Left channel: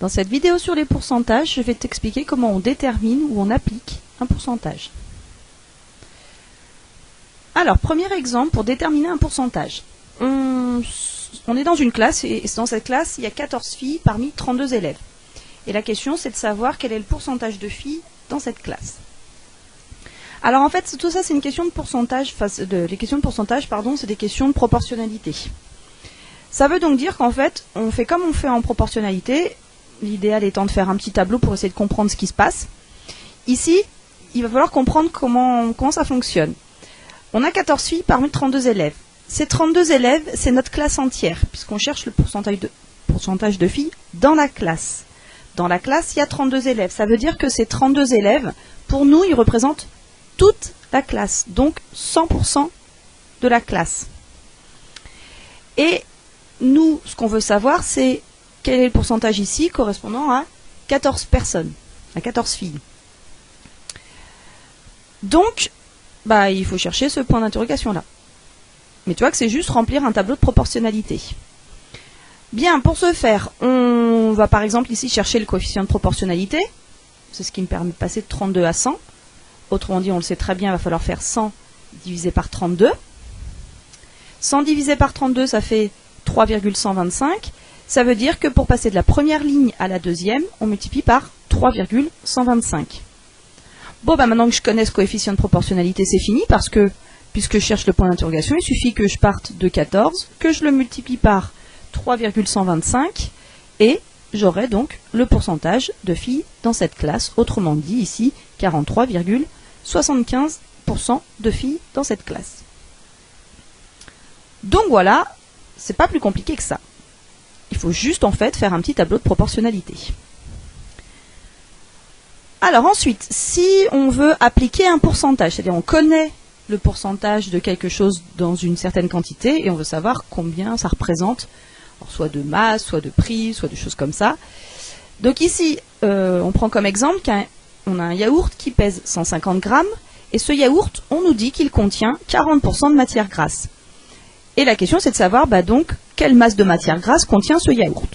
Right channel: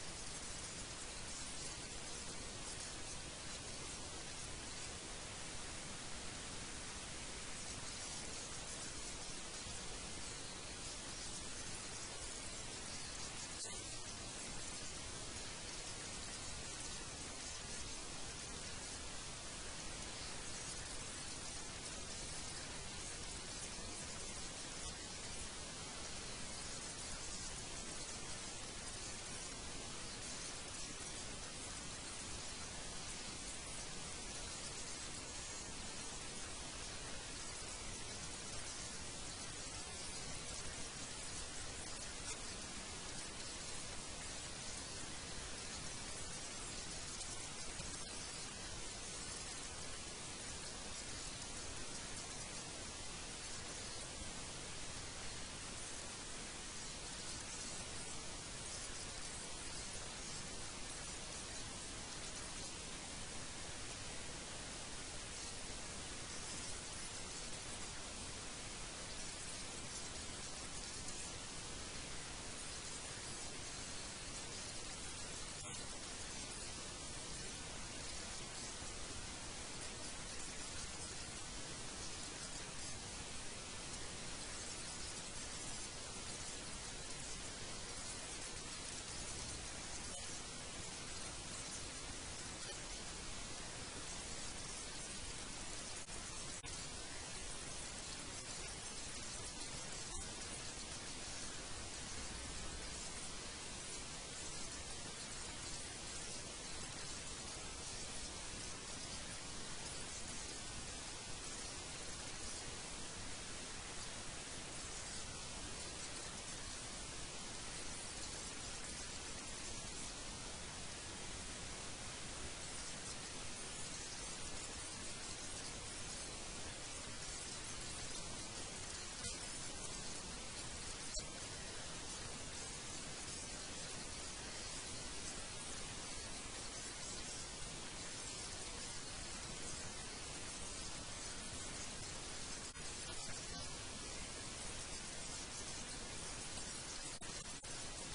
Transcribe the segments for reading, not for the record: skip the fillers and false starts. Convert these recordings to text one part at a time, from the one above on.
Dans cette vidéo sur les pourcentages, je vais t'expliquer comment on détermine ou on applique un pourcentage. Alors, premier exemple pour déterminer un pourcentage. On est dans une classe et dans cette classe, il y a 14 filles parmi 32 élèves. Et la question, c'est de savoir quel est le pourcentage de filles dans cette classe. Alors en fait, tout ça, c'est une question de pourcentage. Les questions de pourcentage, pardon, c'est des questions de proportionnalité. Ça veut donc dire qu'en fait, on fait comme on fait en proportionnalité. L'idéal étant de faire un petit tableau pour essayer de comprendre ce qui se passe. Ici, il va falloir comprendre comment ça fonctionne. On a 14 filles parmi 32 élèves. Ces 32 élèves, c'est notre classe entière, puisqu'on cherche le pourcentage de filles dans la classe. Dans la classe, il y a 32 élèves. Ça veut dire que ces 32 élèves, pour nous, ils représentent toute la classe, donc 100% de la classe. Et nous, ce qu'on veut savoir, c'est quel est le pourcentage ici correspondant à 14 personnes, à 14 filles. Donc, il faut chercher ce point d'interrogation là. Mais tu vois que c'est juste remplir un tableau de proportionnalité. Bien, pour ce faire, on va par exemple ici chercher le coefficient de proportionnalité. C'est ce qui me permet de passer de 32 à 100. Autrement dit, on le sait très bien, il va falloir faire 100 divisé par 32. 100 divisé par 32, ça fait 3,125. Ça veut dire que pour passer de la première ligne à la deuxième, on multiplie par 3,125. Bon, maintenant que je connais ce coefficient de proportionnalité, c'est fini, parce que, puisque je cherche le point d'interrogation, il suffit que je parte de 14, que je le multiplie par 3,125, et j'aurai donc le pourcentage de filles dans cette classe, autrement dit ici, 43,75% de filles dans cette classe. Donc voilà, c'est pas plus compliqué que ça. Il faut juste en fait faire un petit tableau de proportionnalité. Alors ensuite, si on veut appliquer un pourcentage, c'est-à-dire on connaît le pourcentage de quelque chose dans une certaine quantité et on veut savoir combien ça représente, soit de masse, soit de prix, soit de choses comme ça. Donc ici, on prend comme exemple qu'on a un yaourt qui pèse 150 grammes et ce yaourt, on nous dit qu'il contient 40% de matière grasse. Et la question, c'est de savoir donc quelle masse de matière grasse contient ce yaourt.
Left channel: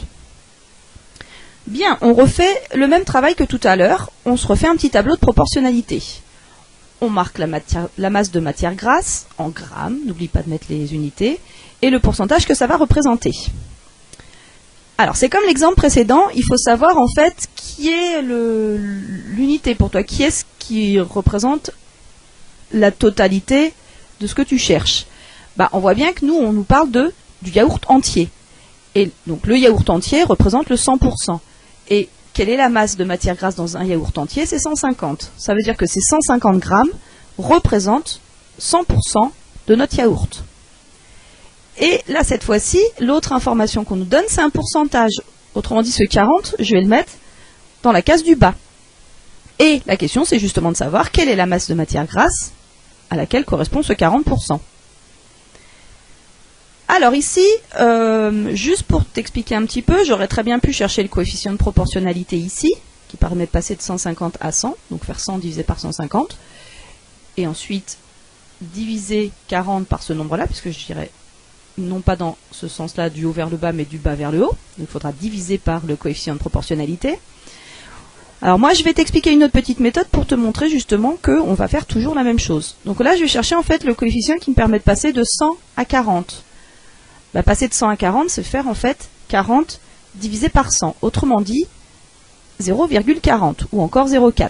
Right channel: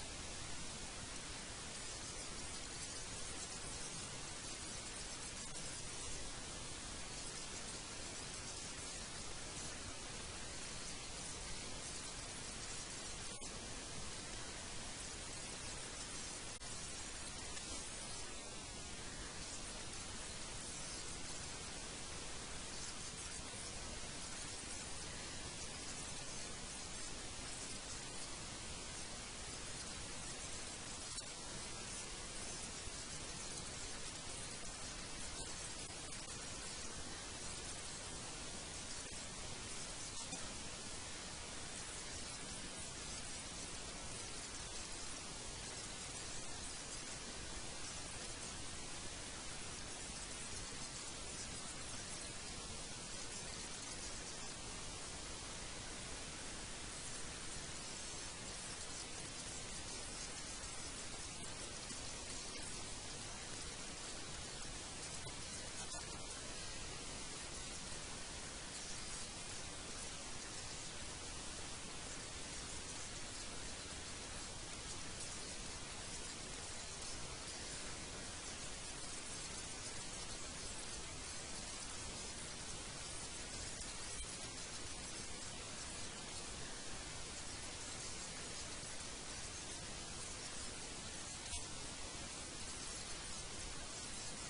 Bien, on refait le même travail que tout à l'heure. On se refait un petit tableau de proportionnalité. On marque la masse de matière grasse en grammes, n'oublie pas de mettre les unités, et le pourcentage que ça va représenter. Alors, c'est comme l'exemple précédent, il faut savoir en fait qui est l'unité pour toi, qui est ce qui représente la totalité de ce que tu cherches. On voit bien que nous, on nous parle du yaourt entier. Et donc le yaourt entier représente le 100%. Et quelle est la masse de matière grasse dans un yaourt entier? C'est 150. Ça veut dire que ces 150 grammes représentent 100% de notre yaourt. Et là, cette fois-ci, l'autre information qu'on nous donne, c'est un pourcentage. Autrement dit, ce 40, je vais le mettre dans la case du bas. Et la question, c'est justement de savoir quelle est la masse de matière grasse à laquelle correspond ce 40%. Alors ici, juste pour t'expliquer un petit peu, j'aurais très bien pu chercher le coefficient de proportionnalité ici, qui permet de passer de 150 à 100, donc faire 100 divisé par 150, et ensuite diviser 40 par ce nombre-là, puisque je dirais non pas dans ce sens-là du haut vers le bas, mais du bas vers le haut, donc il faudra diviser par le coefficient de proportionnalité. Alors moi, je vais t'expliquer une autre petite méthode pour te montrer justement qu'on va faire toujours la même chose. Donc là, je vais chercher en fait le coefficient qui me permet de passer de 100 à 40. Passer de 100 à 40, c'est faire en fait 40 divisé par 100. Autrement dit, 0,40 ou encore 0,4.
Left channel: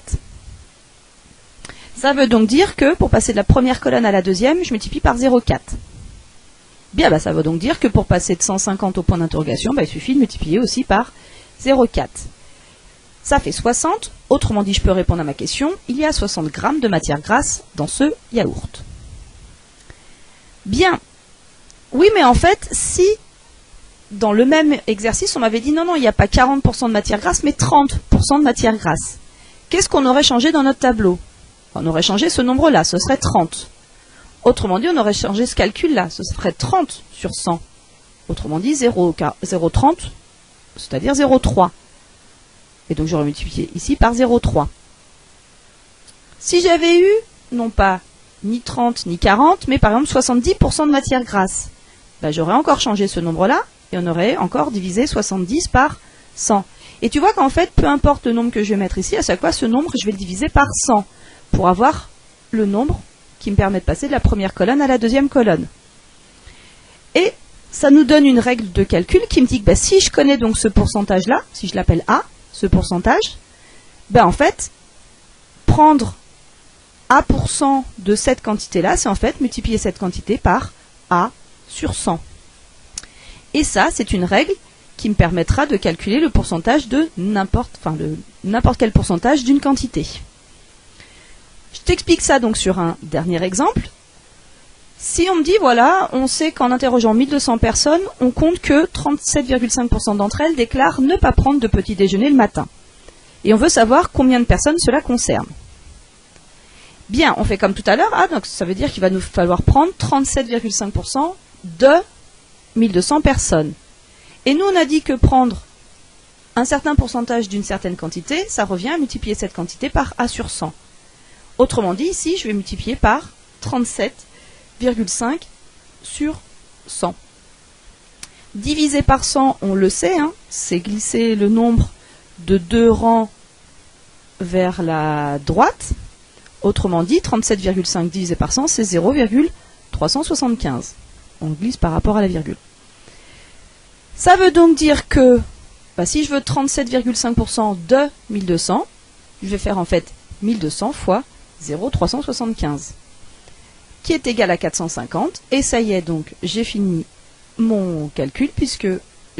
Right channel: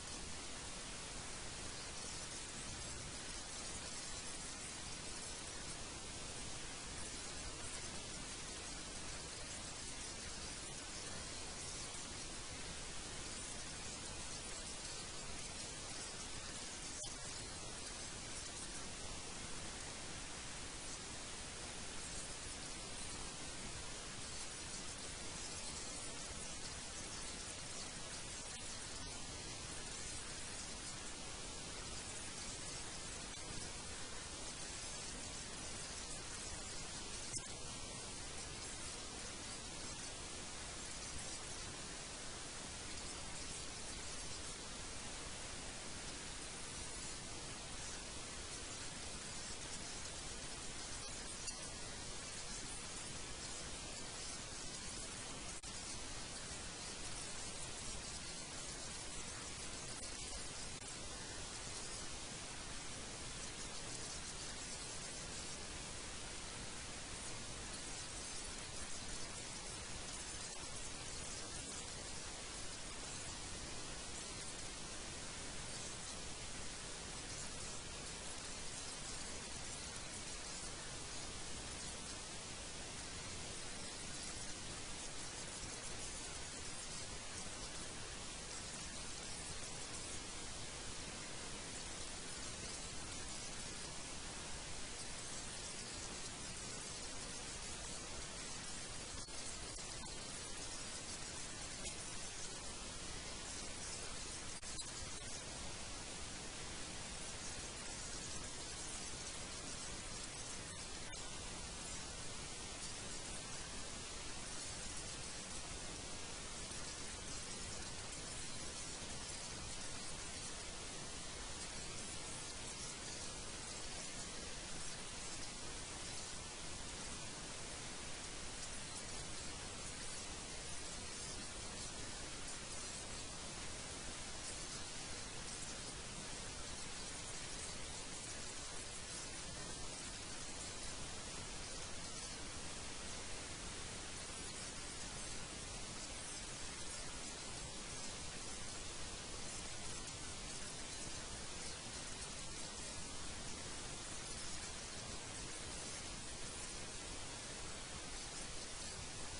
Ça veut donc dire que pour passer de la première colonne à la deuxième, je multiplie par 0,4. Bien, ça veut donc dire que pour passer de 150 au point d'interrogation, il suffit de multiplier aussi par 0,4. Ça fait 60. Autrement dit, je peux répondre à ma question. Il y a 60 grammes de matière grasse dans ce yaourt. Bien. Oui, mais en fait, si dans le même exercice, on m'avait dit non, il n'y a pas 40% de matière grasse, mais 30% de matière grasse. Qu'est-ce qu'on aurait changé dans notre tableau? On aurait changé ce nombre-là, ce serait 30. Autrement dit, on aurait changé ce calcul-là, ce serait 30 sur 100. Autrement dit, 0,30, c'est-à-dire 0,3. Et donc j'aurais multiplié ici par 0,3. Si j'avais eu, non pas ni 30 ni 40, mais par exemple 70% de matière grasse, j'aurais encore changé ce nombre-là, et on aurait encore divisé 70 par 100. Et tu vois qu'en fait, peu importe le nombre que je vais mettre ici, à chaque fois, ce nombre, je vais le diviser par 100 pour avoir le nombre qui me permet de passer de la première colonne à la deuxième colonne. Et ça nous donne une règle de calcul qui me dit que bah, si je connais donc ce pourcentage-là, si je l'appelle A, ce pourcentage, ben en fait, prendre A% de cette quantité-là, c'est en fait multiplier cette quantité par A sur 100. Et ça, c'est une règle qui me permettra de calculer le pourcentage de n'importe quel pourcentage d'une quantité. Je t'explique ça donc sur un dernier exemple. Si on me dit, voilà, on sait qu'en interrogeant 1200 personnes, on compte que 37,5% d'entre elles déclarent ne pas prendre de petit déjeuner le matin. Et on veut savoir combien de personnes cela concerne. Bien, on fait comme tout à l'heure. Ah, donc ça veut dire qu'il va nous falloir prendre 37,5% de 1200 personnes. Et nous, on a dit que prendre un certain pourcentage d'une certaine quantité, ça revient à multiplier cette quantité par A sur 100. Autrement dit, ici, je vais multiplier par 37,5 sur 100. Divisé par 100, on le sait, hein, c'est glisser le nombre de 2 rangs vers la droite. Autrement dit, 37,5 divisé par 100, c'est 0,375. On glisse par rapport à la virgule. Ça veut donc dire que bah, si je veux 37,5% de 1200, je vais faire en fait 1200 fois 0,375, qui est égal à 450. Et ça y est, donc j'ai fini mon calcul puisque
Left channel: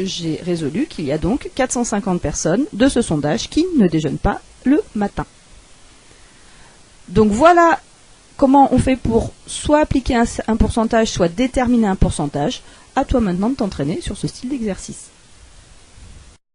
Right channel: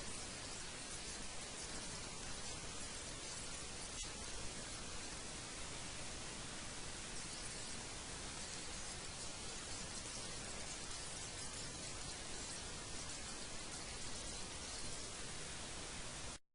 j'ai résolu qu'il y a donc 450 personnes de ce sondage qui ne déjeunent pas le matin. Donc voilà comment on fait pour soit appliquer un pourcentage, soit déterminer un pourcentage. À toi maintenant de t'entraîner sur ce style d'exercice.